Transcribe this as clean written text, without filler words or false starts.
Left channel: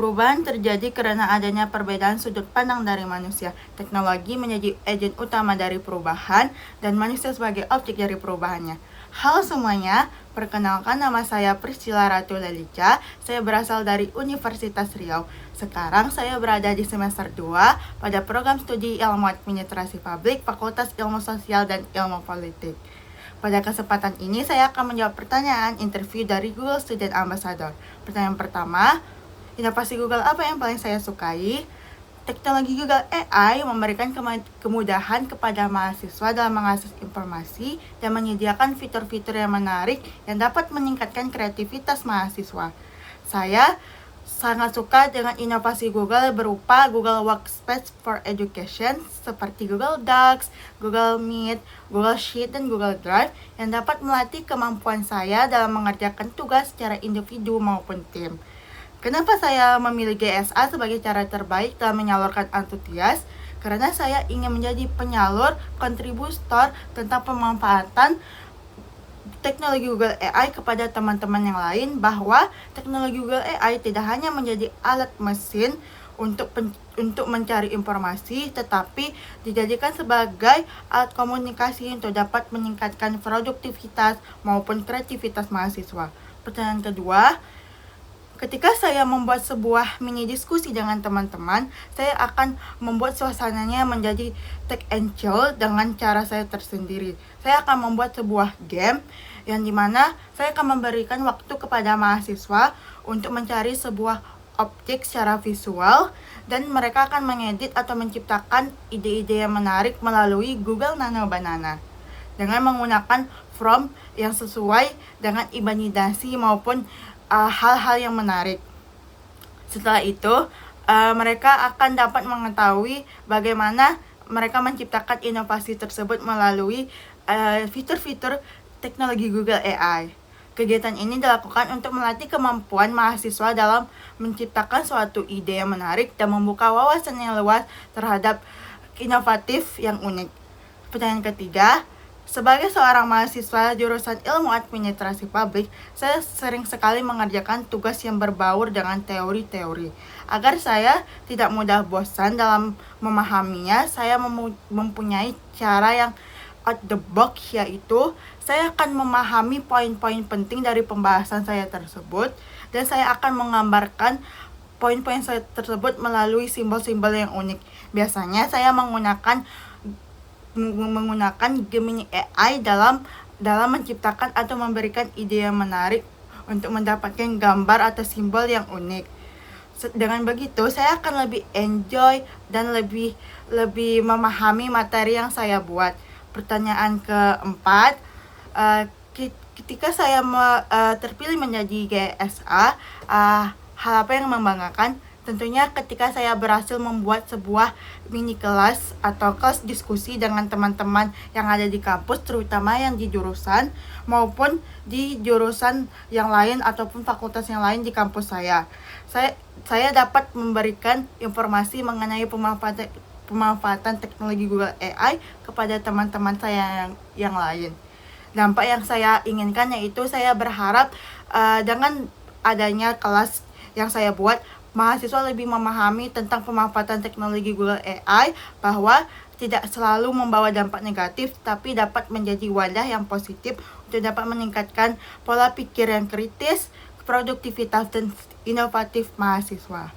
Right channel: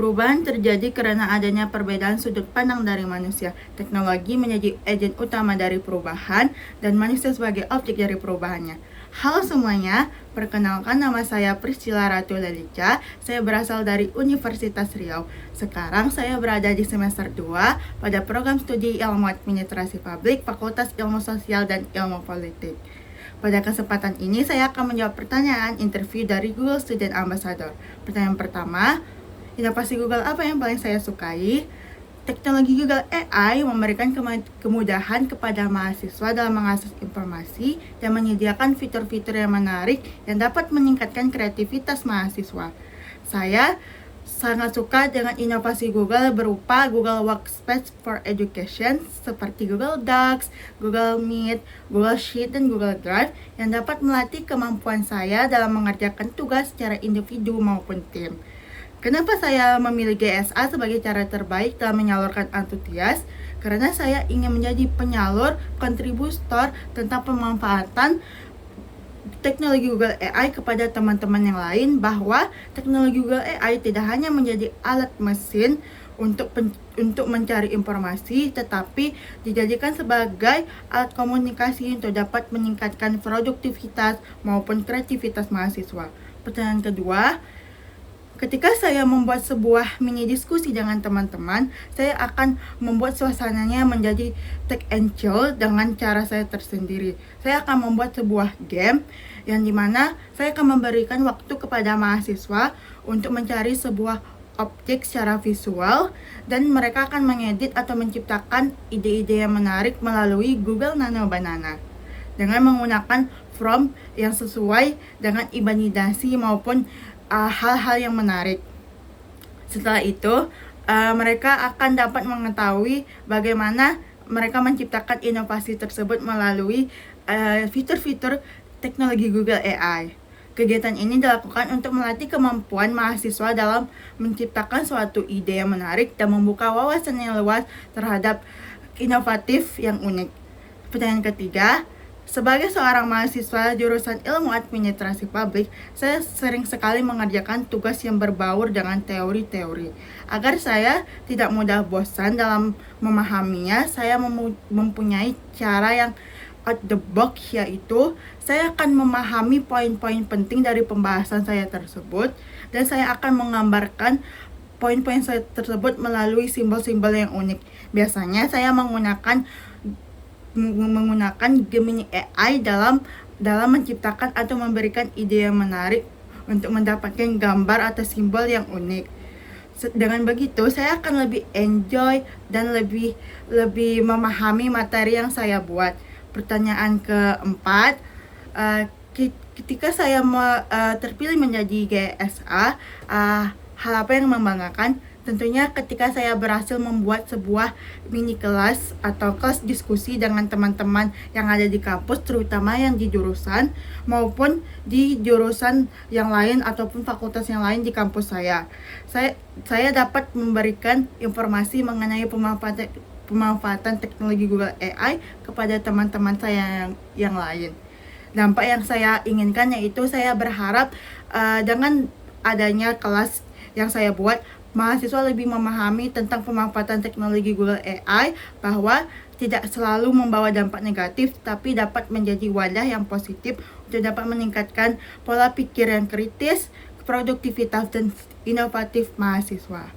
Perubahan terjadi karena adanya perbedaan sudut pandang dari manusia. Teknologi menjadi agen utama dari perubahan dan manusia sebagai objek dari perubahannya. Halo semuanya, perkenalkan nama saya Priscilla Ratu Lelica. Saya berasal dari Universitas Riau. Sekarang saya berada di semester 2 pada program studi Ilmu Administrasi Publik, Fakultas Ilmu Sosial dan Ilmu Politik. Pada kesempatan ini saya akan menjawab pertanyaan interview dari Google Student Ambassador. Pertanyaan pertama, inovasi Google apa yang paling saya sukai? Teknologi Google AI memberikan kemudahan kepada mahasiswa dalam mengakses informasi dan menyediakan fitur-fitur yang menarik yang dapat meningkatkan kreativitas mahasiswa. Saya sangat suka dengan inovasi Google berupa Google Workspace for Education seperti Google Docs, Google Meet, Google Sheet, dan Google Drive yang dapat melatih kemampuan saya dalam mengerjakan tugas secara individu maupun tim. Kenapa saya memilih GSA sebagai cara terbaik dalam menyalurkan antusias? Karena saya ingin menjadi penyalur, kontributor tentang pemanfaatan teknologi Google AI kepada teman-teman yang lain, bahwa teknologi Google AI tidak hanya menjadi alat mesin untuk mencari informasi, tetapi dijadikan sebagai alat komunikasi untuk dapat meningkatkan produktivitas maupun kreativitas mahasiswa. Pertanyaan kedua, ketika saya membuat sebuah mini diskusi dengan teman-teman, saya akan membuat suasananya menjadi take and chill dengan cara saya tersendiri. Saya akan membuat sebuah game yang dimana saya akan memberikan waktu kepada mahasiswa untuk mencari sebuah objek secara visual, dan mereka akan mengedit atau menciptakan ide-ide yang menarik melalui Google Nano Banana dengan menggunakan prompt yang sesuai dengan imajinasi maupun hal-hal yang menarik. Setelah itu, mereka akan dapat mengetahui bagaimana mereka menciptakan inovasi tersebut melalui fitur-fitur teknologi Google AI. Kegiatan ini dilakukan untuk melatih kemampuan mahasiswa dalam menciptakan suatu ide yang menarik dan membuka wawasan yang luas terhadap inovatif yang unik. Pertanyaan ketiga, sebagai seorang mahasiswa jurusan Ilmu Administrasi Publik, saya sering sekali mengerjakan tugas yang berbaur dengan teori-teori. Agar saya tidak mudah bosan dalam memahaminya, saya mempunyai cara yang out the box, yaitu saya akan memahami poin-poin penting dari pembahasan saya tersebut, dan saya akan menggambarkan poin-poin saya tersebut melalui simbol-simbol yang unik. Biasanya saya menggunakan Gemini AI dalam menciptakan atau memberikan ide yang menarik untuk mendapatkan gambar atau simbol yang unik. Dengan begitu, saya akan lebih enjoy dan lebih memahami materi yang saya buat. Pertanyaan keempat, ketika saya terpilih menjadi GSA, hal apa yang membanggakan? Tentunya ketika saya berhasil membuat sebuah mini kelas atau kelas diskusi dengan teman-teman yang ada di kampus, terutama yang di jurusan maupun di jurusan yang lain ataupun fakultas yang lain di kampus saya. Saya dapat memberikan informasi mengenai pemanfaatan teknologi Google AI kepada teman-teman saya yang lain. Dampak yang saya inginkan yaitu saya berharap dengan adanya kelas yang saya buat, mahasiswa lebih memahami tentang pemanfaatan teknologi Google AI, bahwa tidak selalu membawa dampak negatif, tapi dapat menjadi wadah yang positif untuk dapat meningkatkan pola pikir yang kritis, produktivitas, dan inovatif mahasiswa.